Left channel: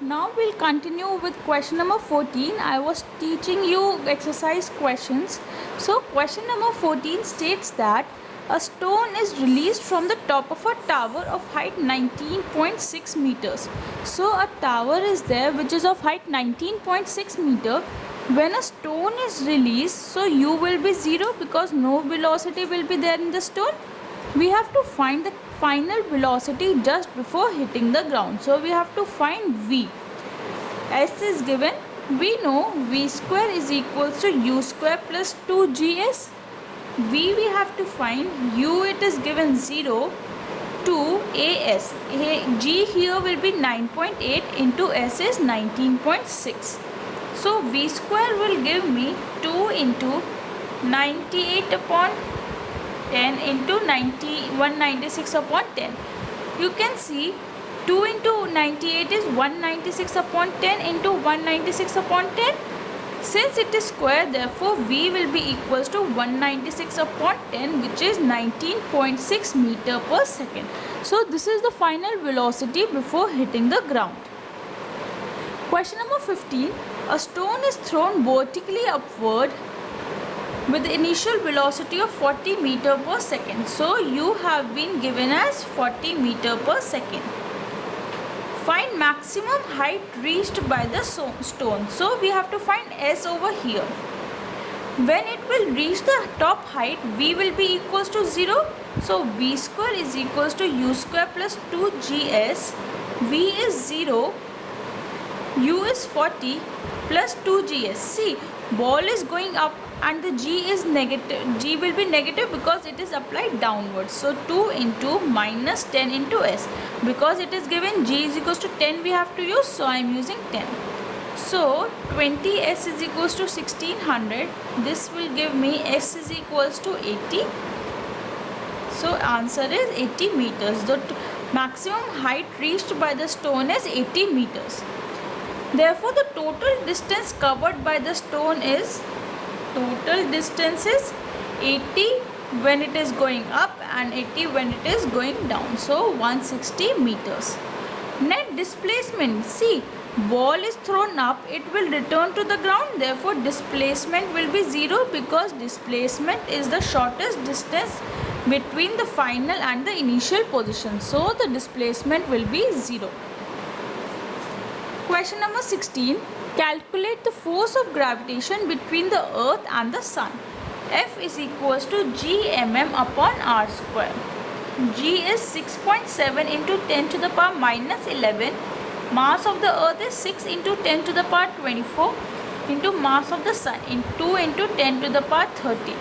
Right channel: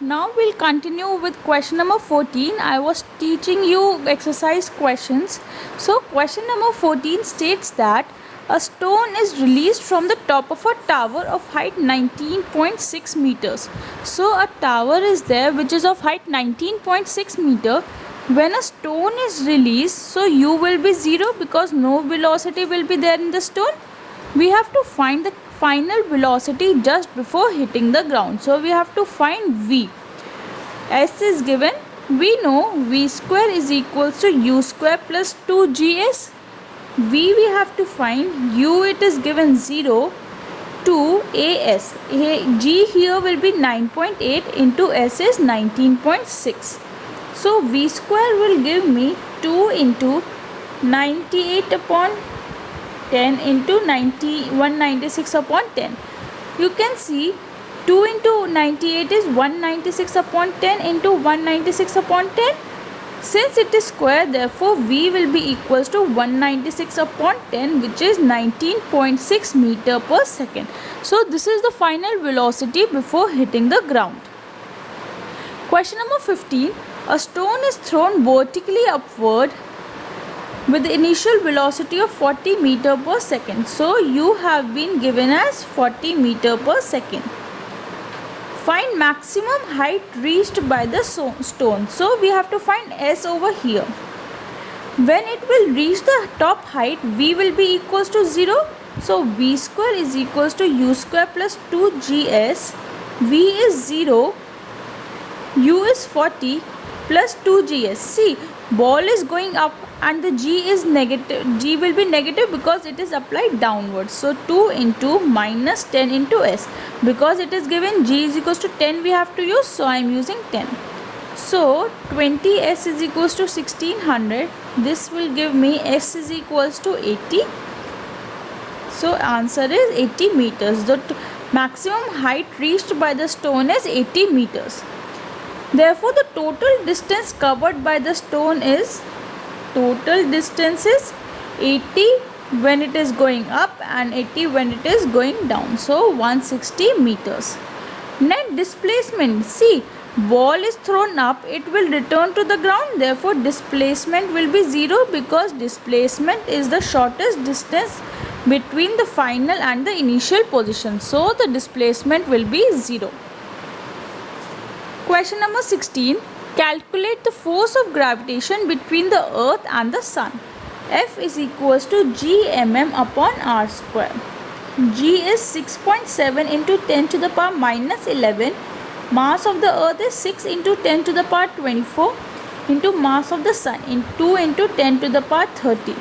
Now we'll continue with question number 14. I was teaching you exercise questions. So question number 14 states that a stone is released from the top of a tower of height 19.6 meters. So a tower is there which is of height 19.6 meter. When a stone is released, so u will be 0 because no velocity will be there in the stone. We have to find the final velocity just before hitting the ground. So we have to find v. S is given. We know v square is equals to u square plus 2gs. V we have to find. U it is given 0 to as. G here will be 9.8 into s is 19.6. So v square will give me 2 into 98 upon 10 into 196 upon 10. You can see 2 into 98 is 196 upon 10 into 196 upon 10. Since it is square, therefore v will be equals to 196 upon 10, which is 19.6 meter per second. So this is the final velocity before hitting the ground. Question number 15. A stone is thrown vertically upward with the initial velocity of 40 meter per second. So you have been given as 40 meter per second. Find maximum height reached by the stone. So we have to find s over here. When it will reach the top height, v will be equals to 0. So v square is equals to u square plus 2gs. V is 0. U is 40 plus 2gs. See, ball is going up and the g is negative. G will be negative because it is applied downwards. So 2 into minus 10 into s. Because it is given g is equals to 10 we have to use. So I am using 10. So 20s is equals to 1600. This will give me s is equals to 80. So answer is 80 meters. The maximum height reached by the stone is 80 meters. Therefore the total distance covered by the stone is 80 when it is going up and 80 when it is going down. So 160 meters. Net displacement. See, ball is thrown up, it will return to the ground. Therefore displacement will be 0 because displacement is the shortest distance between the final and the initial position. So the displacement will be 0. Question number 16. Calculate the force of gravitation between the earth and the sun. F is equals to g mm upon r square. G is 6.7 into 10 to the power minus 11. Mass of the earth is 6 into 10 to the power 24 into mass of the sun in 2 into 10 to the power 30.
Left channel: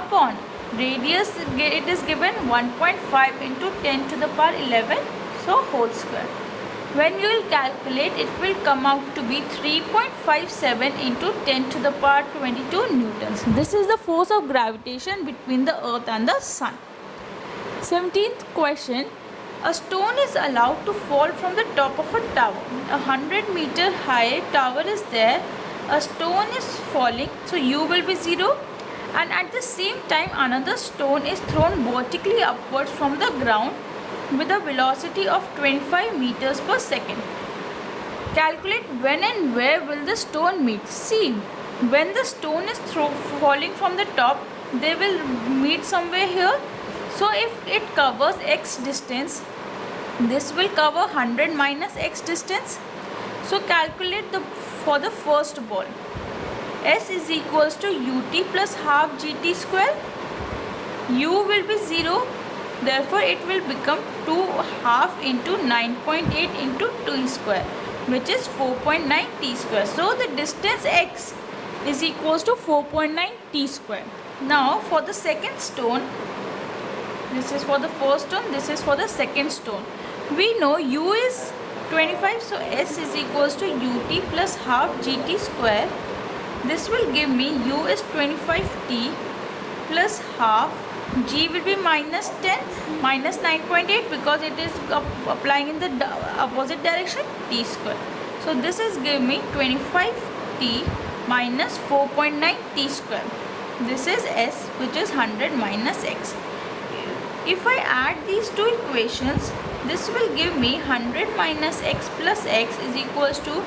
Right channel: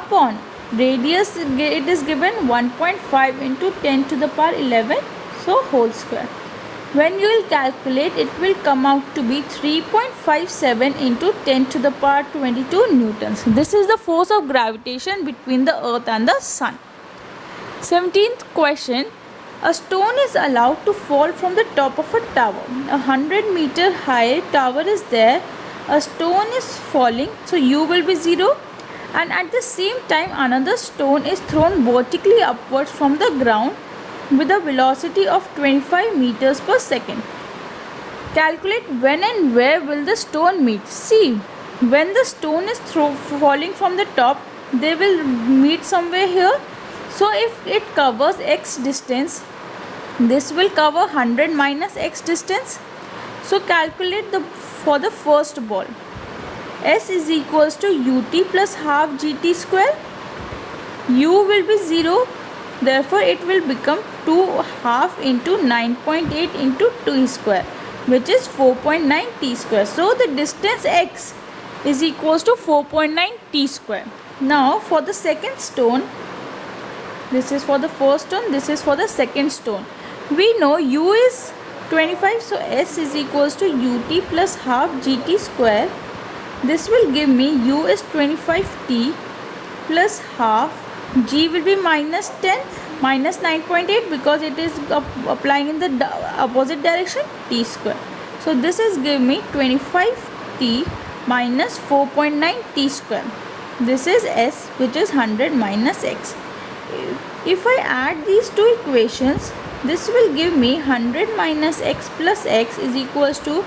Upon radius it is given 1.5 into 10 to the power 11. So whole square. When you will calculate, it will come out to be 3.57 into 10 to the power 22 newtons. This is the force of gravitation between the earth and the sun. 17th question. A stone is allowed to fall from the top of a tower. A 100-meter high tower is there. A stone is falling, so u will be 0. And at the same time, another stone is thrown vertically upwards from the ground with a velocity of 25 meters per second. Calculate when and where will the stone meet. See, when the stone is falling from the top, they will meet somewhere here. So if it covers x distance, this will cover 100 minus x distance. So calculate for the first ball. S is equals to ut plus half gt square. U will be 0. Therefore, it will become 2 half into 9.8 into 2 square, which is 4.9 t square. So, the distance x is equals to 4.9 t square. Now, for the second stone, this is for the first stone, this is for the second stone. We know u is 25, so s is equals to ut plus half gt square. This will give me u is 25t plus half. G will be minus 10 minus 9.8 because it is applying in the opposite direction, t square. So this is give me 25t minus 4.9 t square. This is s, which is 100 minus x. If I add these two equations, This will give me 100 minus x plus x is equals to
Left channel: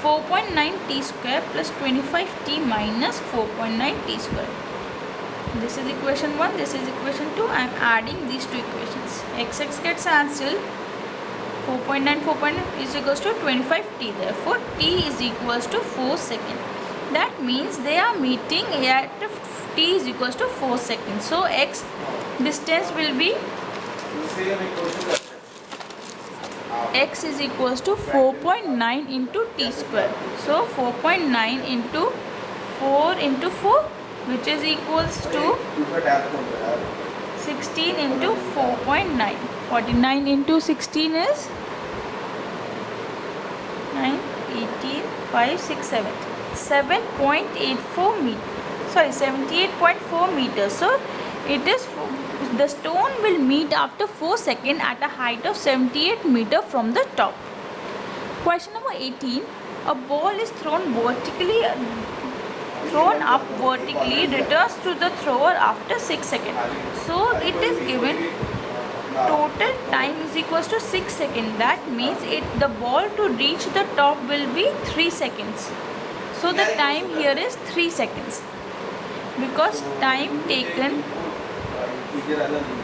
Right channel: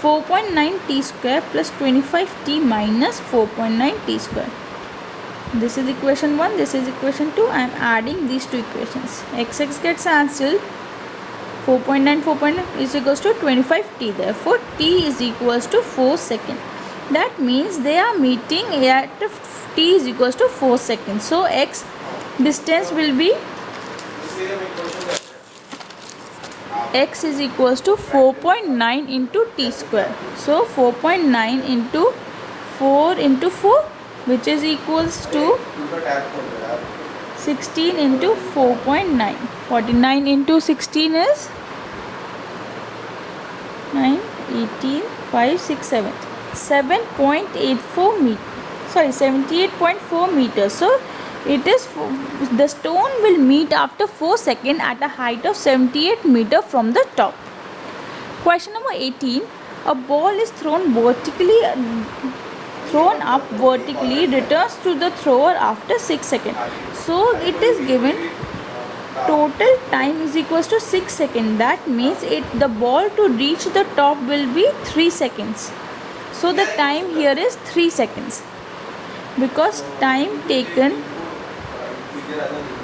4.9 t square plus 25 t minus 4.9 t square. This is equation 1, this is equation 2. I am adding these two equations. X gets cancelled. 4.9 is equals to 25 t. Therefore, t is equals to 4 seconds. That means they are meeting at t is equals to 4 seconds. So, x distance will be x is equals to 4.9 into t square. So 4.9 into 4 into 4, which is equals to 16 into 4.9. 49 into 16 is 9, 18, 5, 6, 7. 7.84 meters. Sorry, 78.4 meters. So it is the stone will meet after 4 seconds at a height of 78 meters from the top. Question number 18. A ball is thrown up vertically, returns to the thrower after 6 seconds. So it is given total time is equals to 6 seconds. That means the ball to reach the top will be 3 seconds. So the time here is 3 seconds. Because time taken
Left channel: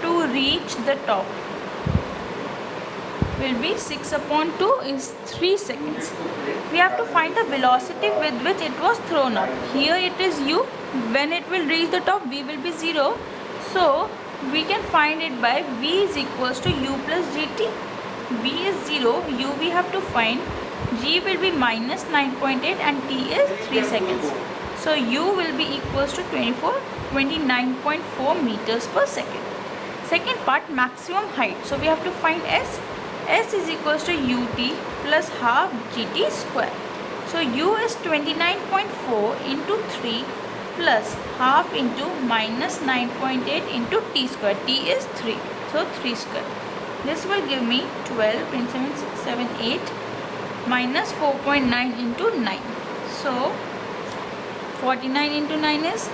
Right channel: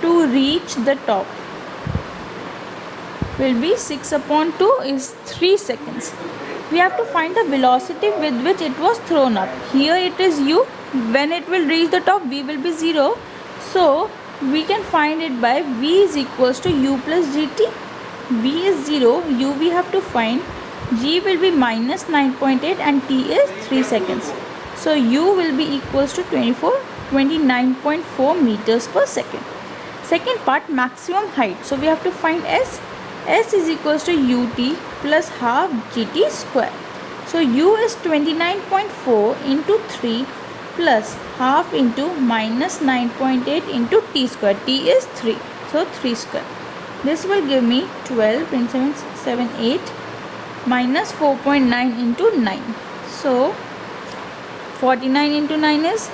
to reach the top will be 6 upon 2 is 3 seconds. We have to find the velocity with which it was thrown up. Here it is u. When it will reach the top, v will be 0. So we can find it by v is equals to u plus gt. V is 0, u we have to find. G will be minus 9.8 and t is 3 seconds. So u will be equals to 29.4 meters per second. Second part, maximum height. So we have to find s. S is equals to ut plus half gt square. So u is 29.4 into 3 plus half into minus 9.8 into t square. T is 3. So 3 square. This will give me 12, 27, 6, 7, 8 minus 4.9 into 9. So 49 into 9 is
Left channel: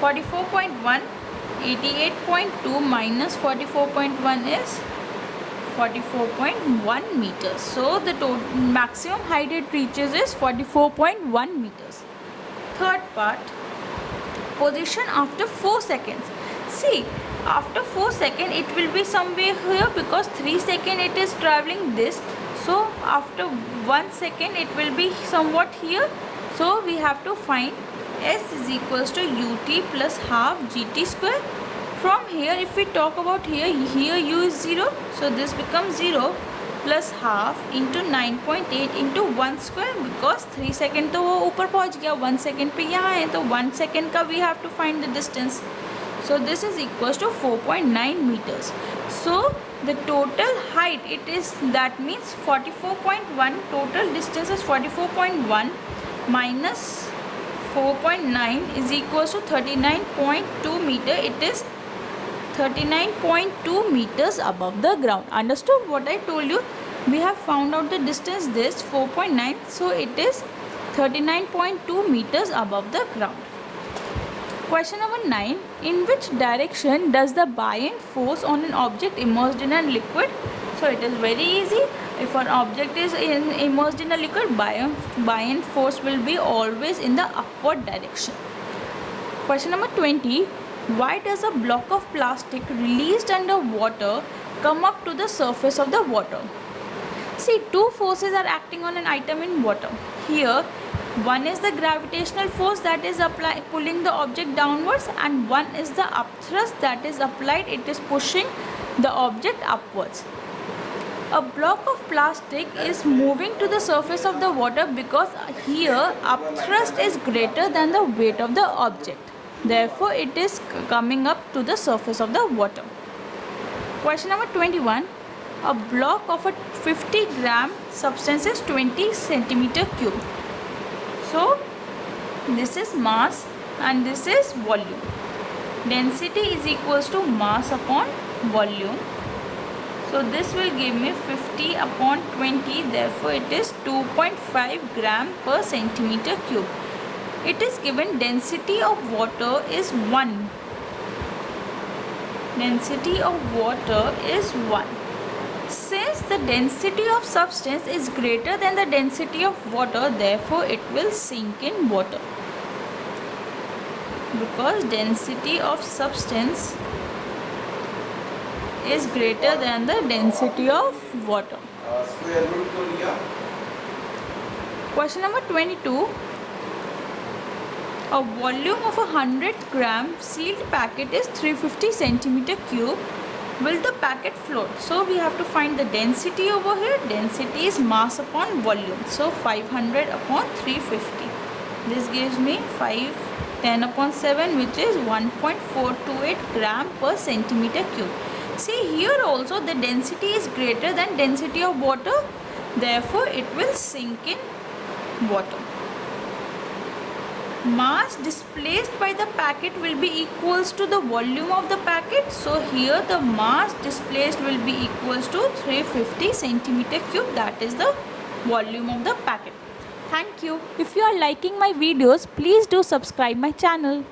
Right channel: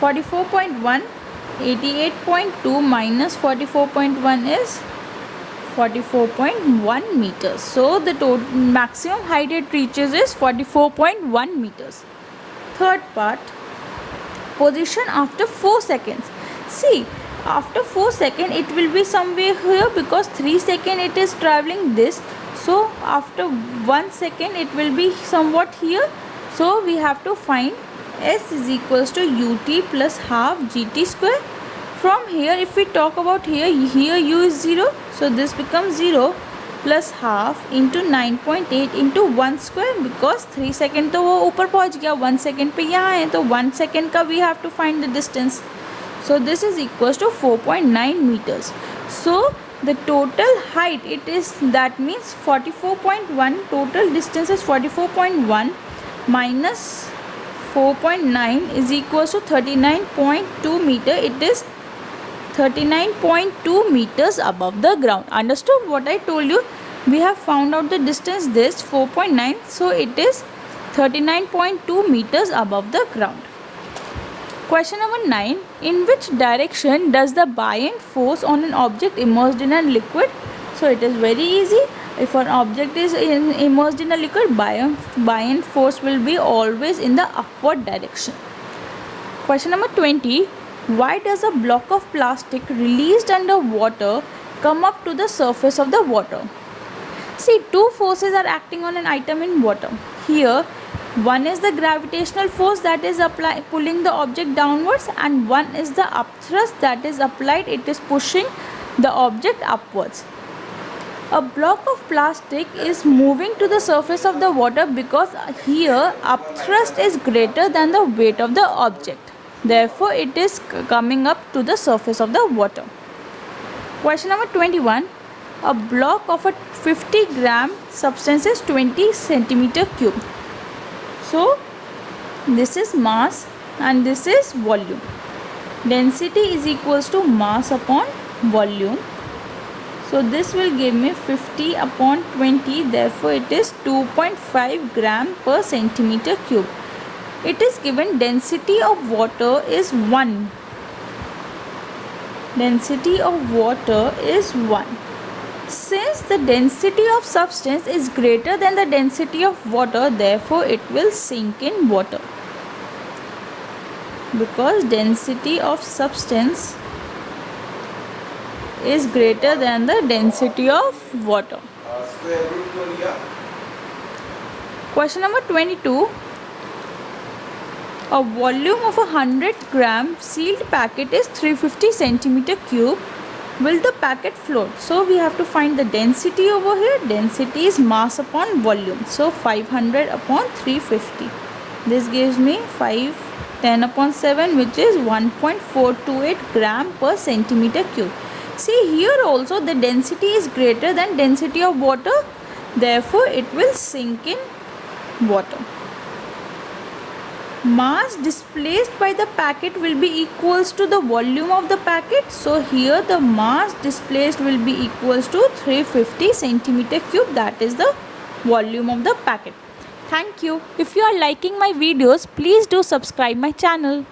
44.1. 88.2 minus 44.1 is 44.1 meters. So the total maximum height it reaches is 44.1 meters. Third part, position after 4 seconds. See, after 4 seconds it will be somewhere here because 3 seconds it is traveling this. So after 1 second it will be somewhat here. So we have to find s is equals to ut plus half gt square. From here, if we talk about here u is 0. So this becomes 0 plus half into 9.8 into 1 square because 3 second तो वो ऊपर पहुँच गया, 1 second पे यहाँ है तो 1 second का we have to find the distance. So this is equals to 4.9 meters. So the total height it is, that means 44.1, total distance is 44.1 minus 4.9 is equals to 39.2 meter. It is 39.2 meters above the ground. Understood what I told you? We have found out the distance, this 4.9. So it is 39.2 meters above the ground. Question number 9. In which direction does the buoyant force on an object immersed in a liquid? So it is very easy. If an object is immersed in a liquid, buoyant force will be always in the upward direction. Question number 20. Why does a block of plastic released under water come up to the surface of the water? See, two forces are acting on an item in water. Here, one is the gravitational force that is pulling the object downwards, and one is the upthrust that is applied. It is pushing the object upwards. A block of plastic is moving to the surface of the water because here upthrust is greater than the weight of the object. Therefore, it is coming up to the surface of the water. Question number 21. A block of a 50-gram substance is 20 centimeter cube. So, this is mass and this is volume. Density is equals to mass upon volume. So, this will give me 50 upon 20. Therefore, it is 2.5 gram per centimeter cube. It is given density of water is 1. density of water is 1. Since the density of substance is greater than the density of water, therefore it will sink in water. Because density of substance is greater than the density of water. Question number 22. A volume of 100-gram sealed packet is 350 centimeter cube. Will the packet float? So we have to find the density over here. Density is mass upon volume. So 500 upon 350. This gives me 10 upon 7, which is 1.428 gram per centimeter cube. See, here also the density is greater than density of water. Therefore it will sink in water. Mass displaced by the packet will be equals to the volume of the packet. So here the mass displaced will be equals to 350 centimeter cube. That is the volume of the packet. Thank you. If you are liking my videos, please do subscribe my channel.